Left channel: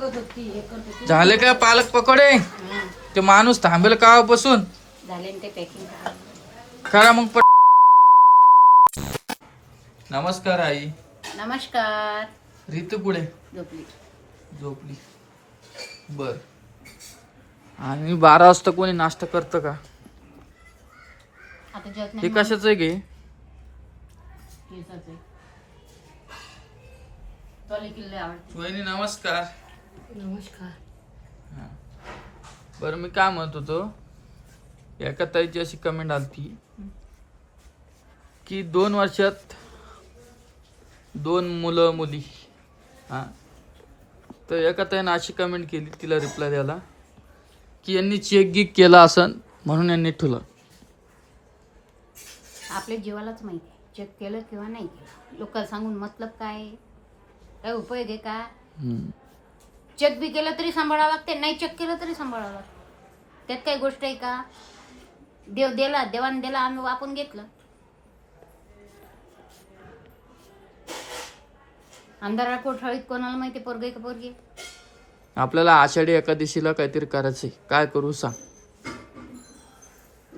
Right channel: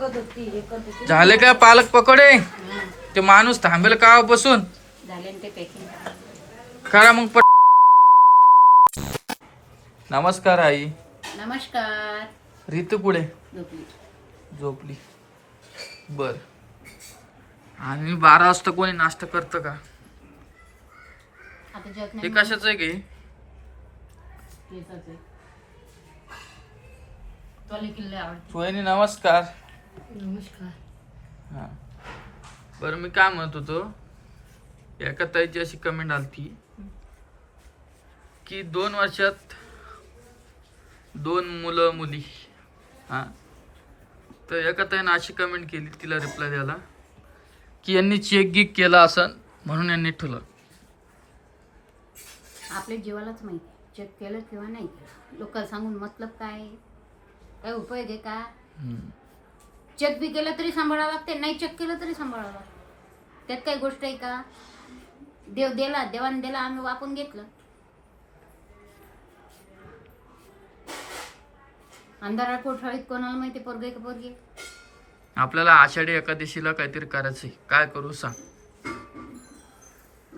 झाले का पालक पकोडे? ते माणूस थांबेल कावापासून झाले ते पॅकिंग करा मग नमस्कार आई. नमस्कार. ऋतू पुढे झोपली. झोपली. बर. आणि 12 वाजता कोणी नाश्ता करतं का? आता जेवत हे नाही. कशाच आहे गे? सोयनी नमस्कार. नमस्कार. हा. बरं मी काय म्हणत होतो, एका ताईची अशी कमेंट आलती की 2 वर्षात 2 मुलं मुली. हा. तर एका ताईनं अशी कमेंट केली, तिला रिप्लाय द्यायला की यांनी चेक गिक केला असन म्हणून यांनी ठुलं. आपल्या जीवालाच माहिती चेक केलं किंवा नाही केलं. लोकांना सांगून मतलब काय उपयोग आहे का? चेक बी केलं तरी सांभाळावं लागते, नाही चेक केलं तरी सांभाळावं लागते. त्यात काही गोष्ट आहे का? देव दिला, देवाने दिला, आम्ही वापरून घेतलं. अंधारा कोठळीत कोणाला माहिती पोरगे का पोरगी? आपल्याला आषाढी एकादशीला काहीतरी करायचंय. काय करू सांग?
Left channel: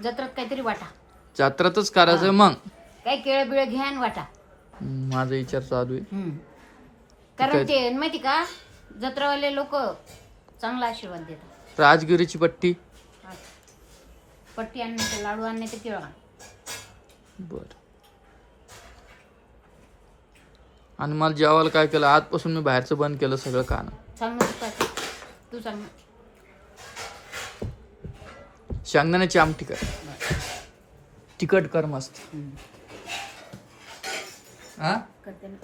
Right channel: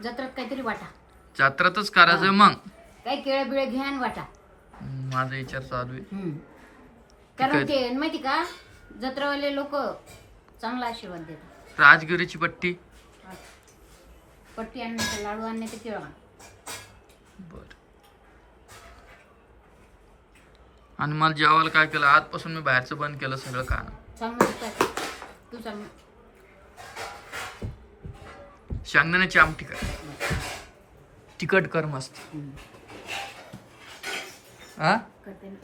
जत्रात काहीतरी वाटा. जत्रातच करायचंय. मग काही केळं बिळ घ्या आणि वाटा. माझा विचार चालू आहे. कारण ते माहिती का, जत्रावाले लोक चांगला आशीर्वाद देतात. राजगिरीची पट्टी पट्टी आणणे ते लाडू आणणे ते केळं. बर. आणि मला जेवायला काय केलं, आजपासून मी बाहेरचं बंद केलं सगळं खाणं. सांग मग काय तू सांग. शेंगदाण्याची आमटी कर, तिखट कर मस्त. हा. करते ना.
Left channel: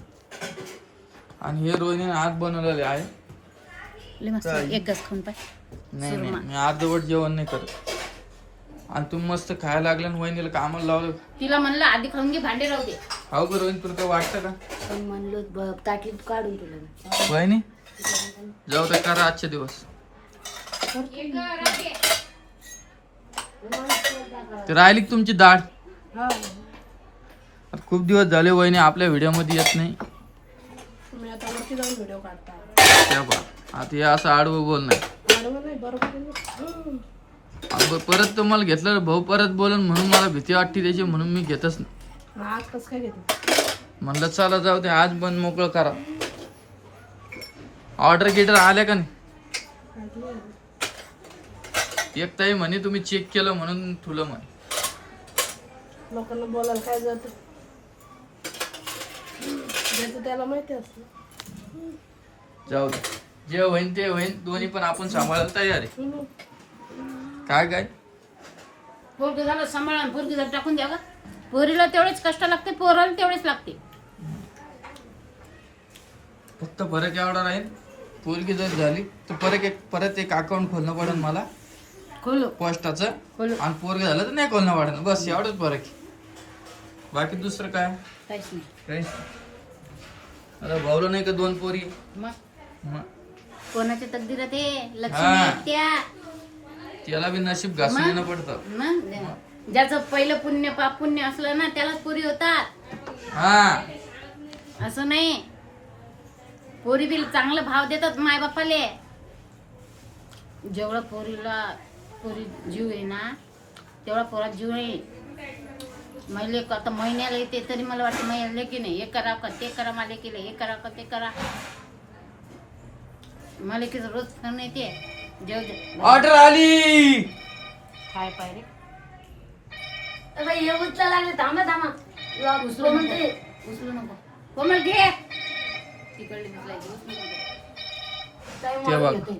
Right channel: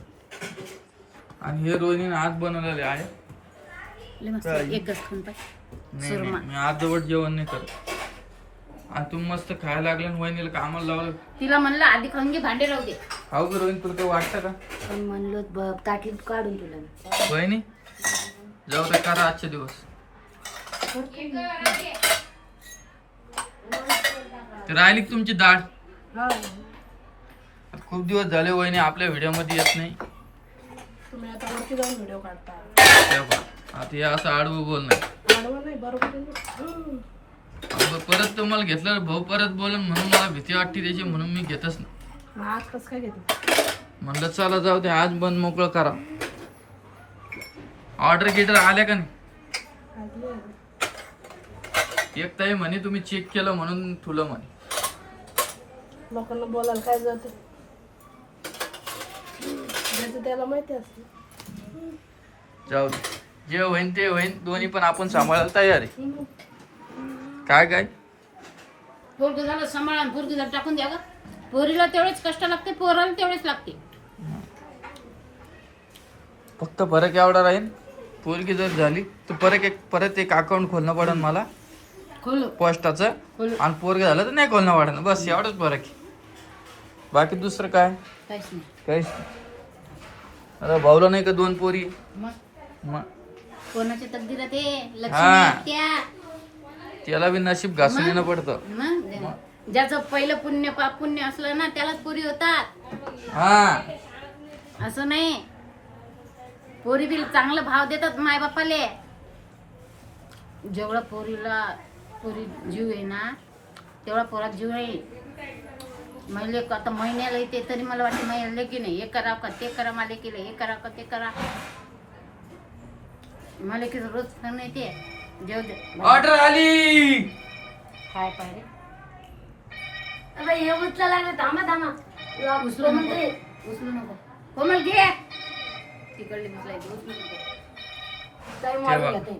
आणि हे रोहिणीने आज बनवलेले आहे. एकच खाऊन नाही मी अर्धवट जेवण नाही करत. आणि तुम्ही मस्त खायला लागलं आणि वहिनीला कामाला लावलं. तिला म्हणलं आधी खाऊन घे, भांडे राहू दे. खाऊ का रोहिणी, तुला काय वाटतं का? पण म्हणलो ताटलीत काढून तुला. वहिनी जाऊ दे, करा आजचे दिवस. ते राहिली का तुमची डाळ? खूप दिवस झाले वहिनी आपल्या व्हिडिओ मध्ये येत नाही. तुम्ही आता वरती जाऊन व्हिडिओ काढता. त्या पहा, आता हे असं आडवं बोल नाही. आडवं नाही, बरोबर आहे. परत तुम्हाला घेतलं भाऊ परत बोलन म्हणून मला भीती वाटते त्याची, म्हणून मी घेतच नाही. आज कसं काय घेते? म्हणलं चला जाऊ दे, आज बंद मोकळं करा. ऑर्डर गिटर आल्या का नाही? एक ताई म्हणे तुम्ही चेक केलं म्हणून तुला म्हणे. लोकांना बोलायला काय जातं, ज्याचं त्याला माहिती असतं. जाऊ दे, जे होईन ते होईन. दोन्ही पण आपण सांभाळायला तयार आहे. काय काय पोरग झालं सांभाळा, पोरगी झालं टाकून द्या ग. पोरीला तेवढेच कष्ट लागते, पोराला तेवढेच लागते. फक्त फरक एवढा राहील, पोरगी जर झाली तर परत एक अकाउंट खोलणं पडेल मला खोलो पोस्टाचं. खोलो. आणि पोरगी झालं तर नाही खोलणं पडेल. बस एवढंच फरक आहे. बाकी दुसरं काय काहीच नाही. काहीच नाही. अरे भाऊला नाही का 2 पोरी? मग कोणाच्या तकदीरात ते हा. लक्ष्मी त्या त्याला बी नशीब घासून येणं पडतं. मग ज्याचं पहिलं पुण्य पाप पुण्य असलं ना त्यालाच पोरी होतात. हा, असं नाही. पोरी बी चांगलं भाव देतात माय बापाले. जेवढा पोरी जीव आहे ना तेवढा पोरात जीव आहे. मैले आता महिन्याला येते तरी मला वाटतं महिन्याला की नाही, हे करा का ते करा, मला केलं हे करा का ते करा. मला की रोज फोन येते, जेव दे ऑर्डर आली. काय पाहिजे. हे उचला लागलं, थांबा थांबा. उचलू नको, उचलू नको. कोमल घे तिकडली उचलायची, उचलू नको. ते बघ,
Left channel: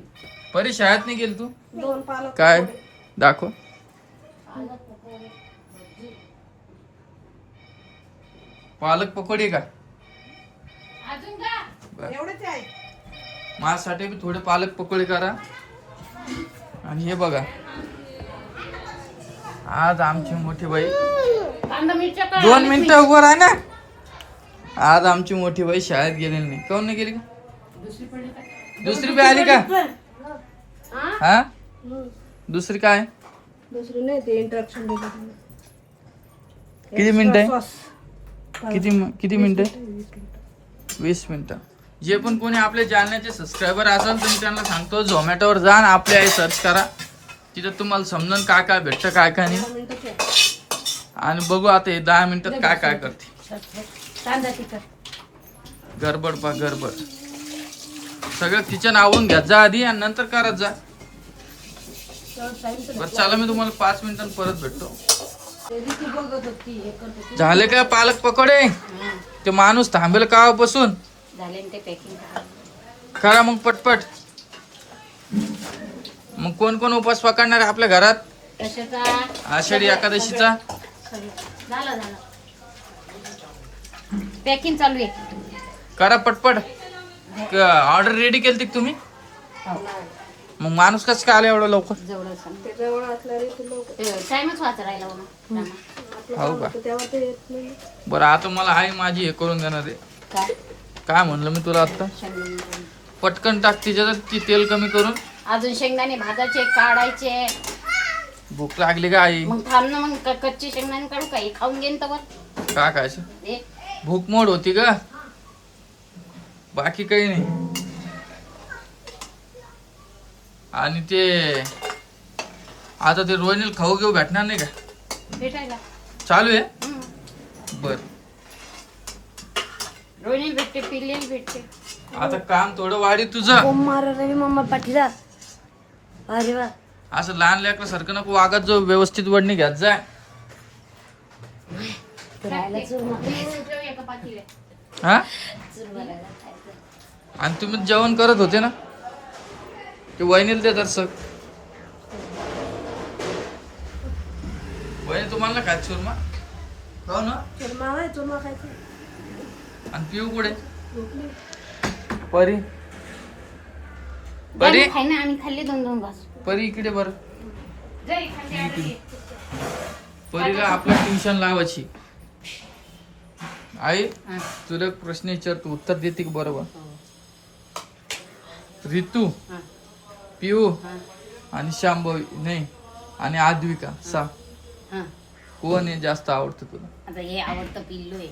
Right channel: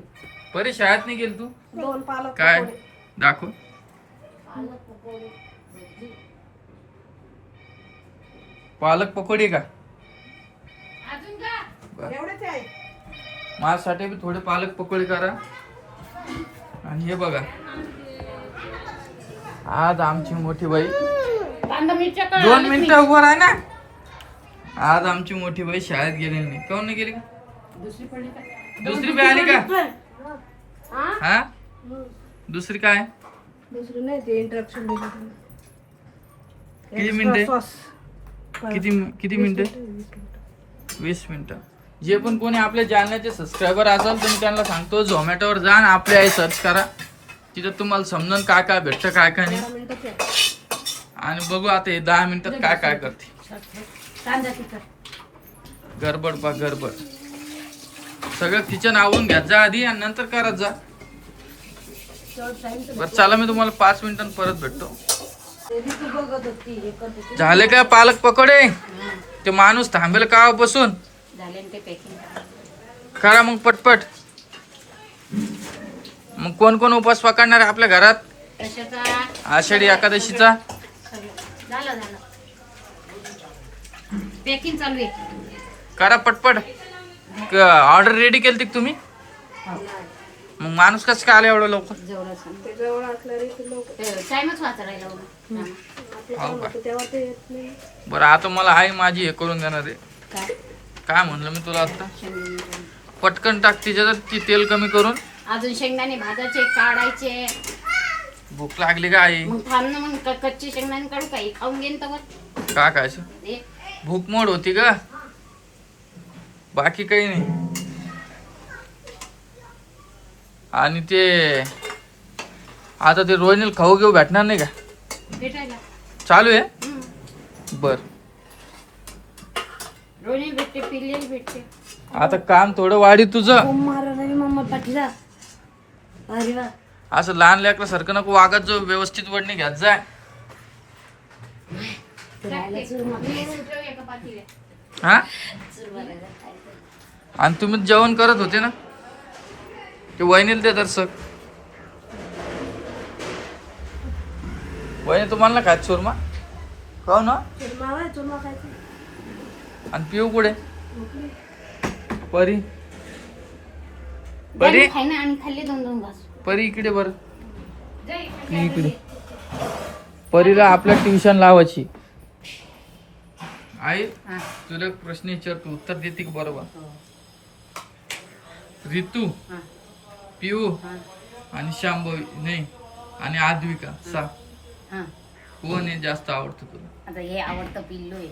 परी शाळेत नाही गेली तू? 2 पालक काय दाखव. पालक पकोडी का? अजून का एवढेच आहे. माझ्यासाठी बी थोडे पालक पकोडी करा. आणि हे बघा, आज आमची मोठी बाई कांदा मिरच्या का 2 मिनिटं उभं राह ना. आज आमची मोठी बाई शाळेत गेलेली नाही. काऊन नाही गेली का? दुसरी पडली का? दुसरी बी आली का? हा, दुसरी काय? दुसरी नाही, ते इंट्रॅक्शन दिलं. किती मिनिटं आहे? सॉस किती मिनिटं? 20 मिनिटं. जे पण कोणी आपल्या जालन्याचे सबस्क्रायबर असाल तर मी त्यांना सांगतो झोमॅटोवर जा आणि आपली आई सर्च करा. तिथं तुम्हाला समजून काय काय भेटतं काय काय नाही. मिनिटं ठेव. आणि बघू आता हे 10 मिनिटात काय काय करते. कांदा तिखट गडबड बा गडबड. सगळं किचन आवरून घ्या जा आधी आणि नंतर करत जा. बरं चला मी तुम्हाला 5 मिनिटांनी परत भेटतो. ते बी तू बघत होती हे करत होती. झाले काय पालक पकोडे? ते माणूस थांबेल कावापासून. झाले ना ते पॅकिंग करा मग पटपट. मग कोण कोण उपवास पकडणार आहे आपल्या घरात कशाचा आषाढी एकादशीचा? झालं झालं पॅकिंग चालू आहे. करा पटपट. ऑर्डर रेडी केली का तुम्ही? मग माणूस कसं काय आला एवढं लवकर? जवळ ते जवळ असल्याने ते लोक टाइमच वाचा राहिला म्हणून आपलं काम होतं तेव्हा ते येत नाही. बरं आता मला आई माझी हे करून देणार आहे. काय काय म्हणलं मी तुला आता? शेंगदाणे. पटकन टाक तिच्यात ती तेल कमी करून. अजून शेंगदाणे भाजायचे काढायचे. भूक लागली का आई? मग थांब ना मग कच्ची शेंगदाणे काढू काही खाऊन घेईन तर का खायचं? भूक मोड होती का? बाकी काही नाही. आणि ते आता ते रोहिणीला खाऊ घेऊ भेटणार नाही का? भेटायला चालू आहे. बर रोहिणी भेटते पिल्लेली भेटते. आता काम थोडं वाढी तुझं. मम्मा पाठीला अरे वा असं लहान लेकरासारखं नको वागत जो. व्यवस्थित वडणी घ्यात जाय. हा आणि तुम्ही जेवण करत होते ना ते वहिनीला देतात सर. वहिनी तुम्हाला ना खायचं चोरमा खाऊ ना. चुरमा आहे चुरमा खायचं. आणि पिऊ कुठे? परी परी खाय ना आणि खाल्ले 2-2 घास. परी इकडे बर. इकडे परीला आपल्या ट्युशन लावायची. आई हा. तुला एक प्रश्न विचारतो उत्तर देते की बरोबर? रितू हा. पिऊ हा. आणि शांभवी नाही आणि आद्विका सा हा. कोण आहे जास्त आवडतं तुला? आता हे आवडतं पिल्लू आहे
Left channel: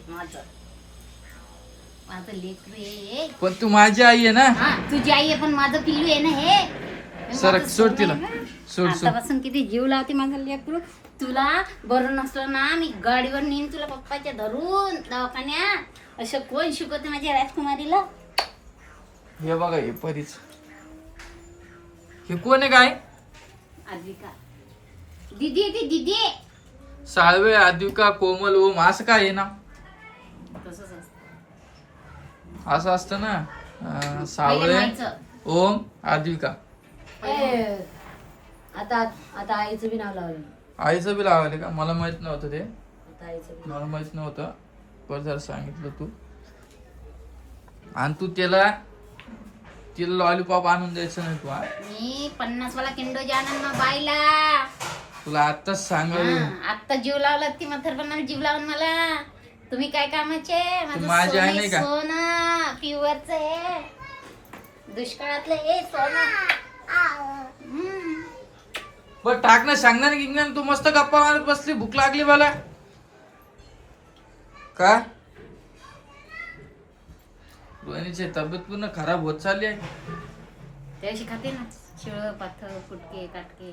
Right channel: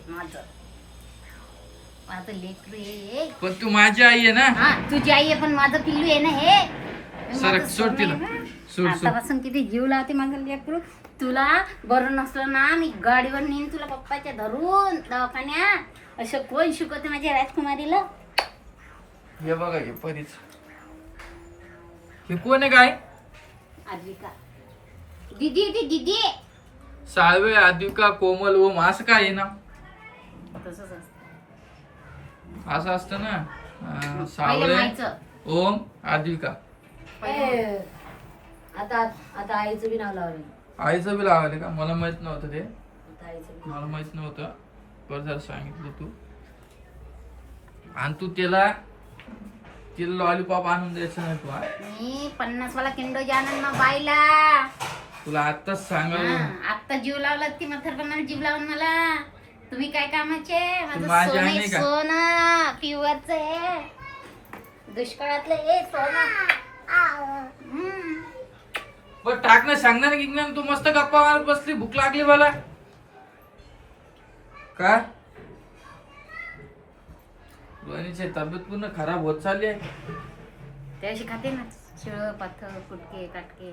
माझं लेकरू आहे. पण तू माझी आई आहे ना. हा तुझी आई आहे पण माझं पिल्लू आहे ना हे. सरक माझं सोड तिला. सोनं आहे ना. सोड सोड. आतापासून किती जीव लावते माझं लेकरू. तुला बरं नसलं ना मी गाडीवर नेईन तुला पप्पाच्या धरून दवाखान्यात. असं कोण शिकवते माझ्या राजकुमारीला? हे बघा हे परीच. हे कोण आहे काय? आद्विका दीदी आहे ती दीदी आहे. साळवे आद्विका कोमल ओम असं काय आहे ना? तसंच असतं. असं असतं ना. पहिलं सावळे माहिचं. ओम आद्विका. आता आता आईचं बी नाव लावलं. आईचं बी लावायला का? मला माहित नव्हतं ते. आता आईचं मला माहित नव्हतं. बरं जर सांगितलं तू. आणि तू तिला लॉलीपॉप आणून द्यायचं नाही तू. हा मी 50 वाला किंडो जानन ना बाईला. तुला आत्ताच सांगू. आता जीव लावला ती म्हातारपणाला जीव लावून मला. तुम्ही काय कामाचे? माझं माझी आई नाही सोनं का? सोनं प्युअरच आहे. दुष्काळातलं हे सोनं. बरं टाक ना. सांगणार की नाही? तू मस्त गप्पा मारत बसली. भूक लागली मला. का रोहिणीची तब्येत पूर्ण खराब होत चालली आहे. त्याशी खाते ना शिळ पाथर कुटके काटके.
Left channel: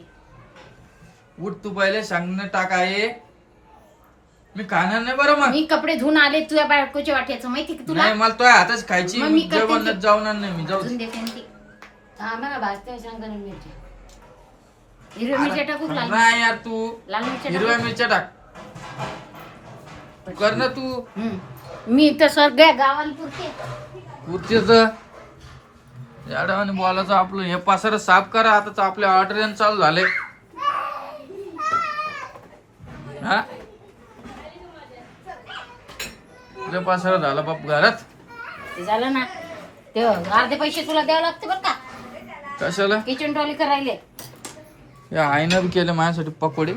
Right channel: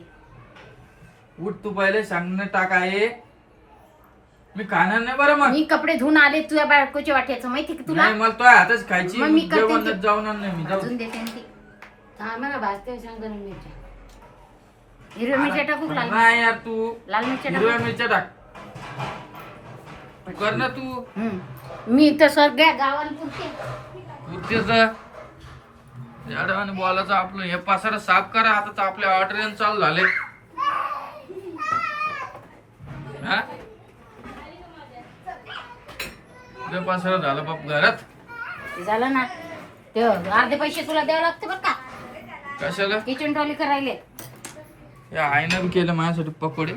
उठ तू पहिले सांगणं टाक आहे. मी खाणार नाही बरं मग. मी कपडे धुवून आले तुझ्या बायकोच्या वाट्याचं माहिती का तुला? नाही मला तो हातच खायची. मग मी करते जेवणात ते. जाऊणार नाही मी. जाऊ अजून देते ना ती. थांबा भाजते शेंगदाणे मिरच्या. हिरव्या मिरच्या टाकू का लाल मिरच्या? नाही यार तू लाल मिरच्या हिरव्या टाकू? मिरच्या टाक. कर ना तू. मी तर सगळ्या गावाला पुरते. कुर्तीच आणि बोलायचं आपलं हे पासार साफ करा. आता आपल्या ऑर्डर चालू झाले. हा पासारा झाला बाप घरात. ते झालं ना ते अर्धे पैसे तुला द्यावे लागते बरं का. कशाला? किचन ट्रॉली करायले. या आईनं बी केलं माझ्यासाठी पकोडे.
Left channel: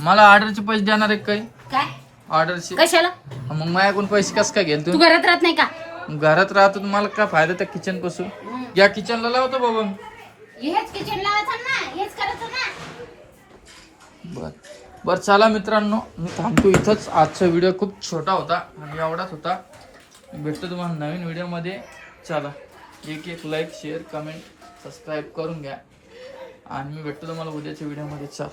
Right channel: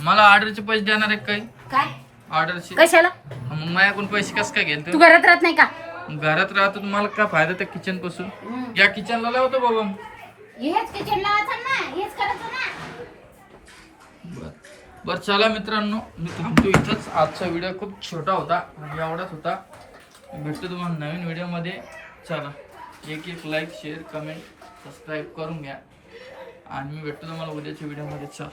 मला ऑर्डरचे पैसे देणार आहे काही? काय ऑर्डरचे कशाला? मग माझ्याकडून पैसे कसं काय घेल तू तू? घरात राहत नाही का? घरात राहतो तुम्हाला काय फायदा त्या किचन पासून? या किचनला लावतो बाबा. हेच किचन लावायचं ना हेच करायचं ना. बर बरं चला मित्रांनो, मी थांबतो इथंच. आजचा व्हिडिओ खूप छोटा होता आणि एवढाच होता. भेटतो तुम्हाला नवीन व्हिडिओमध्ये. चला, एक लाईक, शेअर, कमेंट, सबस्क्राईब करून घ्या आणि मी भेटतो तुम्हाला उद्याच्या व्हिडिओमध्ये. चला.